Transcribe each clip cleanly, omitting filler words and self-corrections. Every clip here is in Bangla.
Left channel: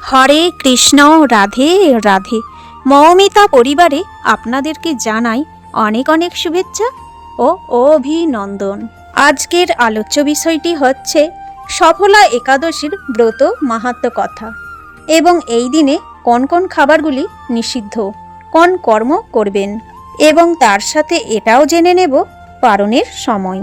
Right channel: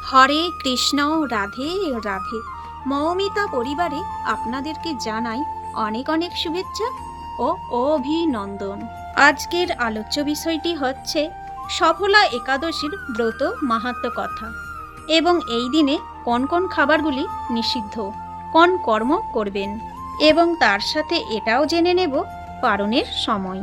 হরে কৃষ্ণ, রাধে রাধে। মৌমিতা পরিবারে আপনাদেরকে জানাই অনেক অনেক শুভেচ্ছা ও অভিনন্দন। আজকের আলোচ্য বিষয়টি হচ্ছে সফলা একাদশীর ব্রত মাহাত্ম্য কথা এবং এই দিনে কোন কোন খাবারগুলি নিষিদ্ধ, কোন কর্ম করবেন এবং তার সাথে এটাও জেনে নেব পারণের সময়,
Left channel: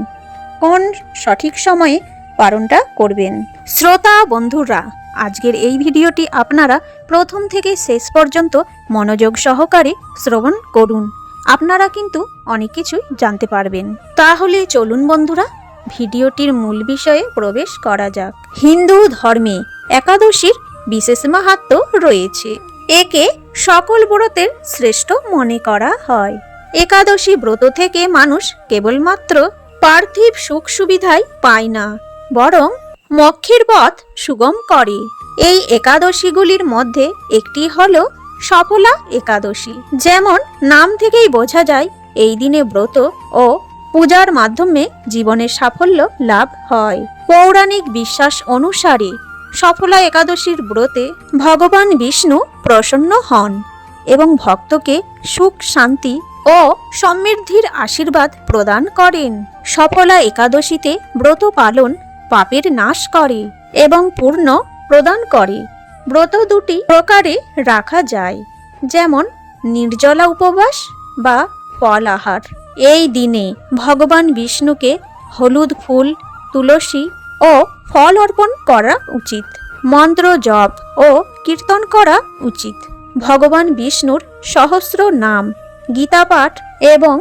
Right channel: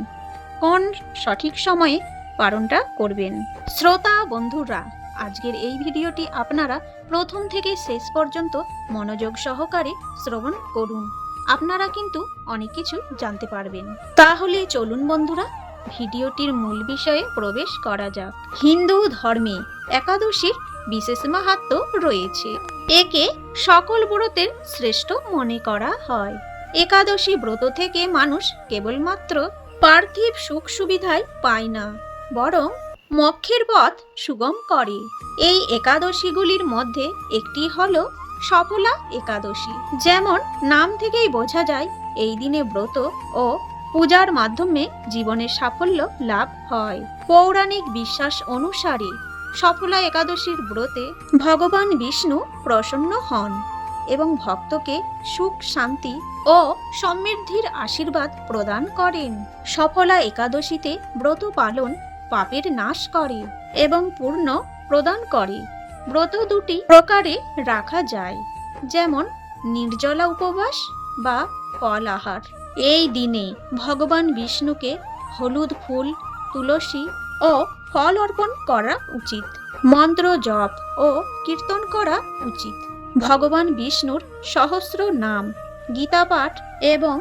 কোন সঠিক সময়ে পারণটা করবেন। শ্রোতা বন্ধুরা, আজকের এই ভিডিওটি আপনারা প্রথম থেকে শেষ পর্যন্ত মনোযোগ সহকারে শ্রবণ করুন। আপনারা কিন্তু অনেক কিছু জানতে পারবেন। তাহলে চলুন বন্ধুরা, ভিডিওটির মূল বিষয়ে প্রবেশ করা যাক। হিন্দু ধর্মে একাদশীর বিশেষ মাহাত্ম্য রয়েছে। একে সকল ব্রতের শ্রেষ্ঠ মনে করা হয়। একাদশী ব্রত থেকে মানুষ কেবলমাত্র পার্থিব সুখ সুবিধাই পায় না, বরং মোক্ষের পথ সুগম করে। এই একাদশীগুলির মধ্যে একটি হলো সফলা একাদশী। যেমন নাম থেকেই বোঝা যায়, এই দিনে ব্রত ও পূজার মাধ্যমে জীবনের সাফল্য লাভ হয়। পৌরাণিক বিশ্বাস অনুসারে সফলা একাদশীর ব্রতে ভগবান বিষ্ণু প্রসন্ন হন এবং ভক্তকে সুখ, শান্তি ও সমৃদ্ধির আশীর্বাদ প্রদান করেন। সফলা একাদশীতে ব্রত পালন পাপের নাশ করে এবং পূর্ণ প্রদান করে। ব্রত দুটি প্রকারে রাখা যায়, যেমন নির্জলা উপবাস বা ফল আহার। এই দিনে ভগবান বিষ্ণুকে হলুদ ফুল, তুলসী ও ফল অর্পণ করা উচিত। মন্ত্র জপ ও কীর্তন করা উচিত। ভগবান বিষ্ণুর সহস্র নাম, গীতা পাঠ এবং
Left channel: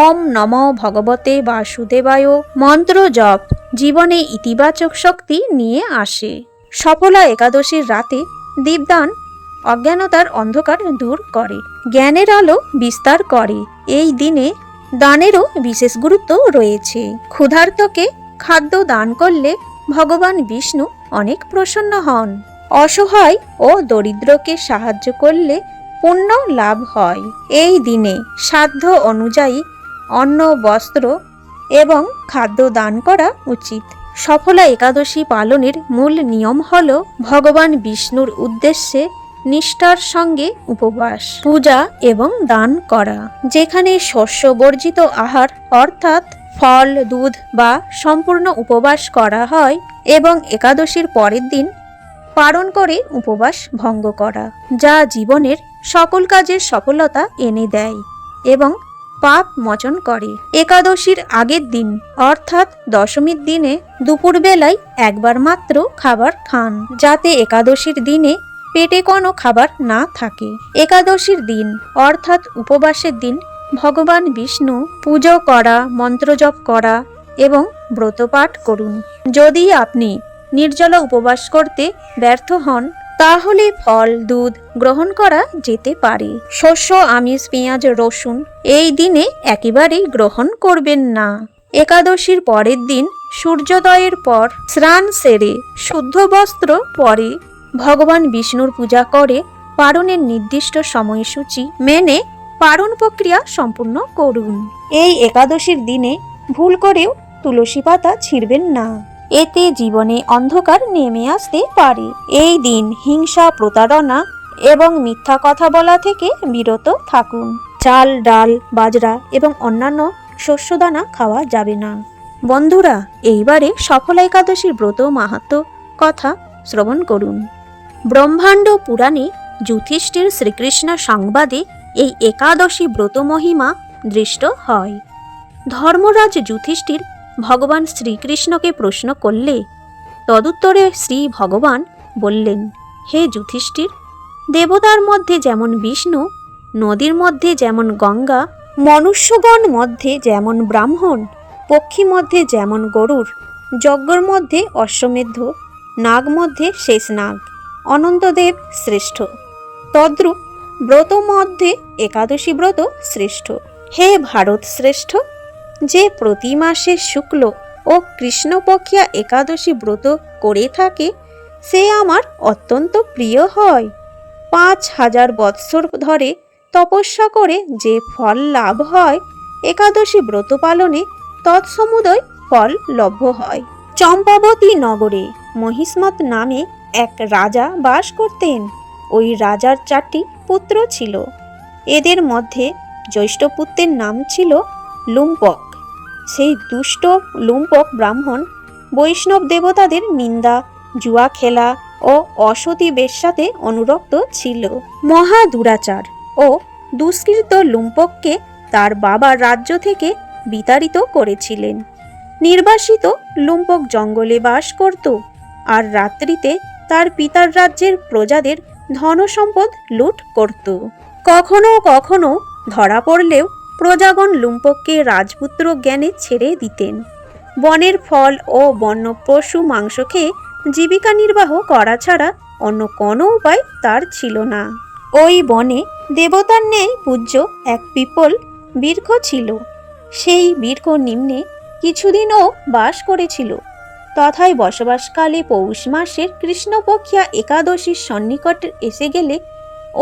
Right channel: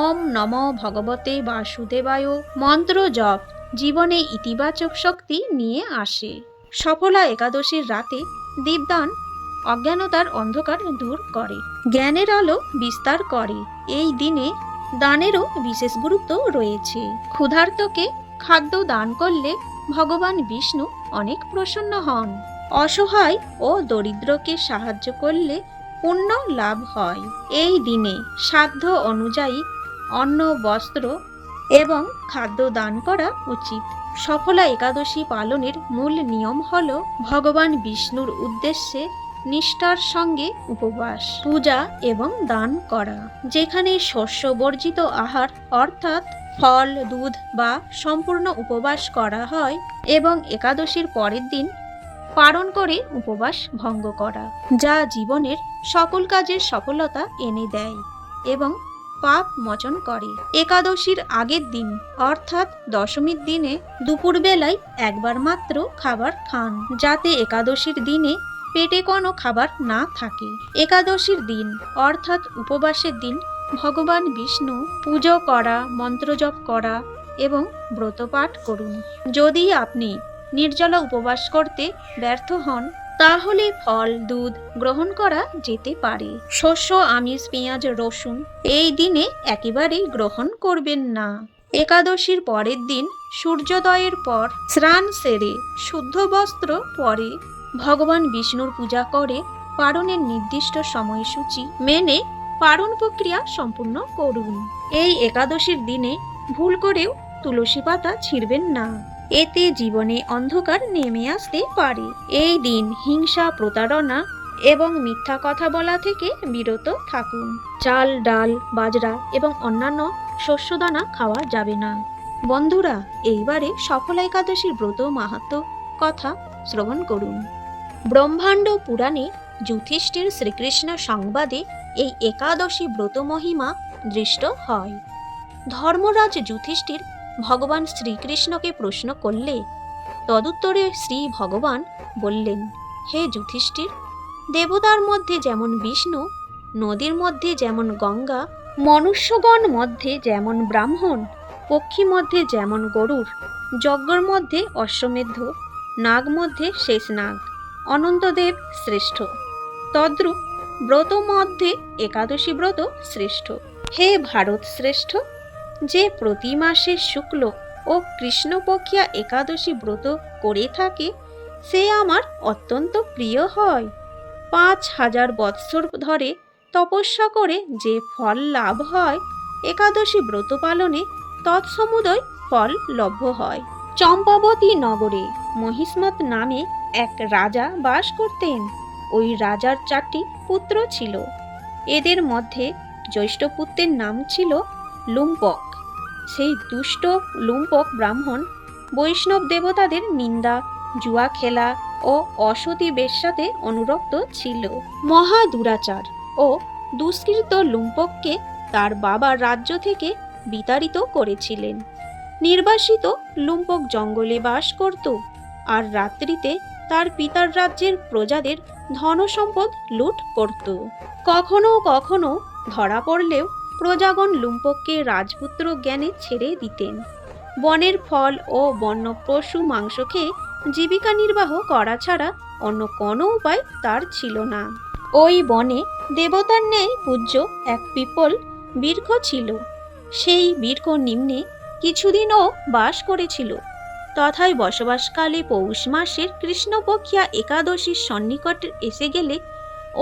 ওম নমো ভগবতে বাসুদেবায় মন্ত্র জপ জীবনে ইতিবাচক শক্তি নিয়ে আসে। সফলা একাদশীর রাতে দীপদান অজ্ঞানতার অন্ধকার দূর করে, জ্ঞানের আলো বিস্তার করে। এই দিনে দানেরও বিশেষ গুরুত্ব রয়েছে। ক্ষুধার্তকে খাদ্য দান করলে ভগবান বিষ্ণু অনেক প্রসন্ন হন। অসহায় ও দরিদ্রকে সাহায্য করলে পুণ্য লাভ হয়। এই দিনে সাধ্য অনুযায়ী অন্ন, বস্ত্র এবং খাদ্য দান করা উচিত। সফলা একাদশী পালনের মূল নিয়ম হল ভগবান বিষ্ণুর উদ্দেশ্যে নিষ্ঠার সঙ্গে উপবাস, পূজা এবং দান করা। যেখানে শস্য বর্জিত আহার অর্থাৎ ফল, দুধ বা সম্পূর্ণ উপবাস করা হয় এবং একাদশীর পরের দিন পালন করে উপবাস ভঙ্গ করা, যা জীবনের সকল কাজের সফলতা এনে দেয় এবং পাপ মোচন করে। একাদশীর আগের দিন অর্থাৎ দশমীর দিনে দুপুরবেলায় একবার মাত্র খাবার খান, যাতে একাদশীর দিনে পেটে কোনো খাবার না থাকে। একাদশীর দিন অর্থাৎ উপবাসের দিন ভগবান বিষ্ণু পুজো করা, মন্ত্রজপ করা এবং ব্রতপাঠ করুন। যদি আপনি নির্জলা উপবাস করতে ব্যর্থ হন, তাহলে ফল, দুধ গ্রহণ করা যেতে পারে। শস্য, আমিষ, পেঁয়াজ, রসুন এই দিনে একেবারেই গ্রহণ করবেন না। একাদশীর পরের দিন সূর্যোদয়ের পর স্নান সেরে শুদ্ধ বস্ত্র পরে ভগবান বিষ্ণুর পূজা করে পারণের নির্দিষ্ট সময়সূচি মেনে পারণ প্রক্রিয়া সম্পূর্ণ করুন। এই একাদশীর দিনে ভুল করেও তুলসী পাতা ছিঁড়বেন না, এতে জীবনে অন্ধকার নেমে আসতে পারে। এই দিন হিংসা, প্রতারণা এবং মিথ্যা কথা বলা থেকে বিরত থাকুন। চাল, ডাল, বাজরা এবং অন্যান্য শস্যদানা খাওয়া যাবে না। বন্ধুরা, এইবারে সফলা একাদশীর ব্রত মাহাত্ম্য কথা শ্রবণ করুন। ব্রহ্মাণ্ড পুরাণে যুধিষ্ঠির শ্রীকৃষ্ণ সংবাদে এই একাদশী ব্রত মহিমা দৃষ্ট হয়। ধর্মরাজ যুধিষ্ঠির ভগবান শ্রীকৃষ্ণকে প্রশ্ন করলে তদুত্তরে শ্রী ভগবান বললেন, হে যুধিষ্ঠির, দেবতার মধ্যে যেমন বিষ্ণু, নদীর মধ্যে যেমন গঙ্গা, মনুষ্যগণ মধ্যে যেমন ব্রাহ্মণ, পক্ষী মধ্যে যেমন গরুড়, যজ্ঞর মধ্যে অশ্বমেধ, নাগ মধ্যে শেষ নাগ, অনন্তদেব শ্রেষ্ঠ, তদ্রূপ ব্রত মধ্যে একাদশী ব্রত শ্রেষ্ঠ। হে ভারত শ্রেষ্ঠ, যে প্রতি মাসে শুক্ল ও কৃষ্ণপক্ষিয়া একাদশী ব্রত করে থাকে, সে আমার অত্যন্ত প্রিয় হয়। 5000 বৎসর ধরে তপস্যা করে যে ফল লাভ হয়, একাদশী ব্রত পালনে তৎসমুদয় ফল লভ্য হয়। চম্পাবতী নগরে মহিষ্মত নামে এক রাজা বাস করতেন। ওই রাজার 4টি পুত্র ছিল। এদের মধ্যে জ্যৈষ্ঠ পুত্রের নাম ছিল লুম্পক। সেই দুষ্ট লুম্পক ব্রাহ্মণ বৈষ্ণব দেবতাদের নিন্দা, জুয়া খেলা ও অসতী বেশ্যাতে অনুরক্ত ছিল। মহা দুরাচার ও দুষ্কৃত লুম্পককে তার বাবা রাজ্য থেকে বিতাড়িত করেছিলেন। নির্বাসিত লুম্পক জঙ্গলে বাস করত আর রাত্রিতে তার পিতার রাজ্যের প্রজাদের ধনসম্পদ লুট করত। কখনো কখনো ধরা পড়লেও প্রজাগণ লুম্পককে রাজপুত্র জ্ঞানে ছেড়ে দিতেন। বনের ফল ও বন্য পশু মাংস খেয়ে জীবিকা নির্বাহ করা ছাড়া অন্য কোনো উপায় তার ছিল না। ওই বনে দেবতার ন্যায় পূজ্য এক পিপল বৃক্ষ ছিল। সেই বৃক্ষ নিম্নে কিছুদিনও বাস করেছিল। তথায় বসবাসকালে পৌষ মাসের কৃষ্ণপক্ষিয়া একাদশীর সন্নিকট এসে গেলে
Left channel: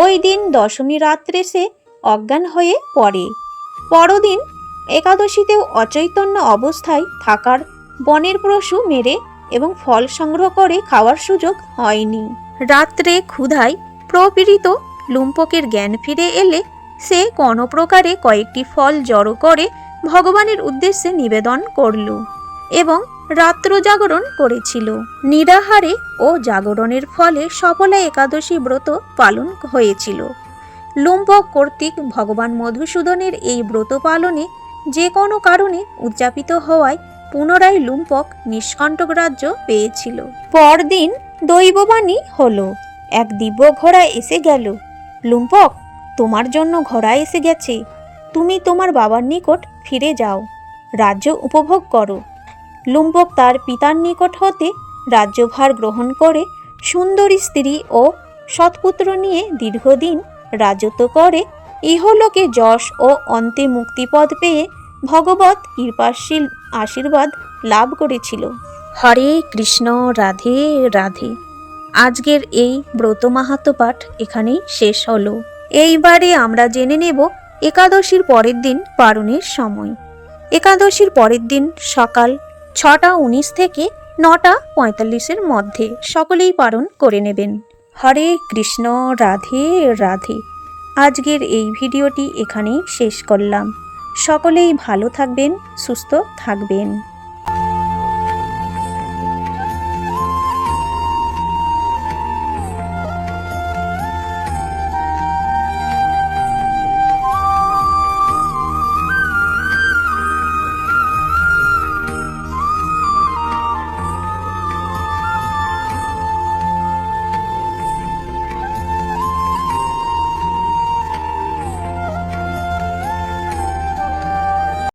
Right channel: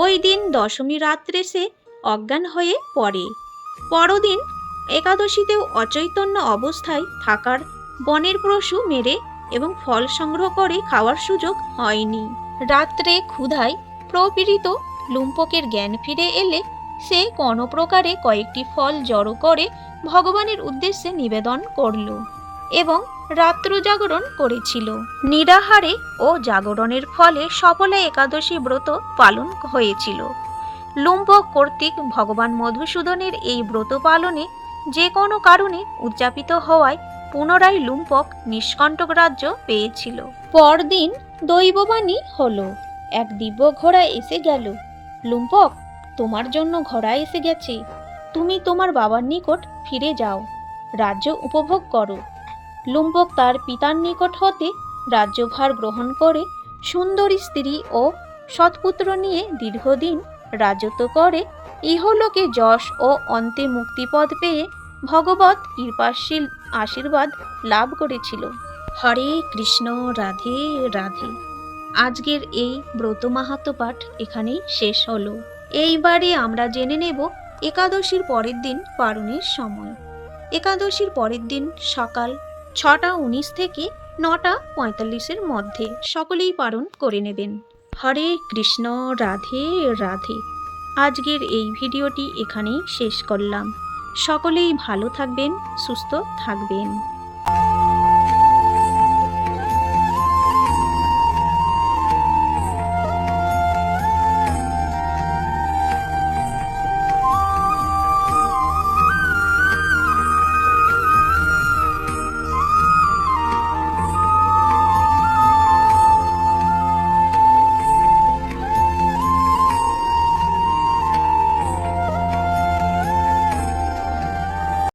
ওই দিন দশমী রাত্রে সে অজ্ঞান হয়ে পড়ে। পরদিন একাদশীতেও অচৈতন্য অবস্থায় থাকার বনের পশু মেরে এবং ফল সংগ্রহ করে খাওয়ার সুযোগ হয়নি। রাত্রে ক্ষুধায় প্রপীড়িত লুম্পকের জ্ঞান ফিরে এলে সে কোনো প্রকারে কয়েকটি ফল জড়ো করে ভগবানের উদ্দেশ্যে নিবেদন করল এবং রাত্র জাগরণ করেছিল। নিরাহারে ও জাগরণের ফলে সফলা একাদশী ব্রত পালন হয়েছিল। লুম্পক কর্তৃক ভগবান মধুসূদনের এই ব্রত পালনে যে কোনো কারণে উদযাপিত হওয়ায় পুনরায় লুম্পক নিষ্কণ্টক রাজ্য পেয়েছিল। পরদিন দৈববাণী হলো, এক দিব্য ঘোড়া এসে গেল। লুম্পক, তোমার জন্য ঘোড়া এসে গেছে। তুমি তোমার বাবার নিকট ফিরে যাও, রাজ্য উপভোগ করো। লুম্পক তার পিতার নিকট হতে রাজ্যভার গ্রহণ করে সুন্দরী স্ত্রী ও সৎপুত্র নিয়ে দীর্ঘদিন রাজত্ব করে ইহলোকে যশ ও অন্তে মুক্তিপদ পেয়ে ভগবৎ কৃপাশীল আশীর্বাদ লাভ করেছিল। হরে কৃষ্ণ, রাধে রাধে। আজকের এই ব্রত মাহাত্ম্য পাঠ এখানেই শেষ হলো। এইবারে আমরা জেনে নেব একাদশীর পরের দিন পারণের সময়। একাদশীর পরের দিন সকাল 6:19 থেকে 9:45 মধ্যে সকলেই পালন করে নেবেন। হরে কৃষ্ণ, রাধে রাধে। আজকের এই ভিডিওটি এখানেই শেষ করলাম। সকলেই ভালো থাকবেন, সুস্থ থাকবেন।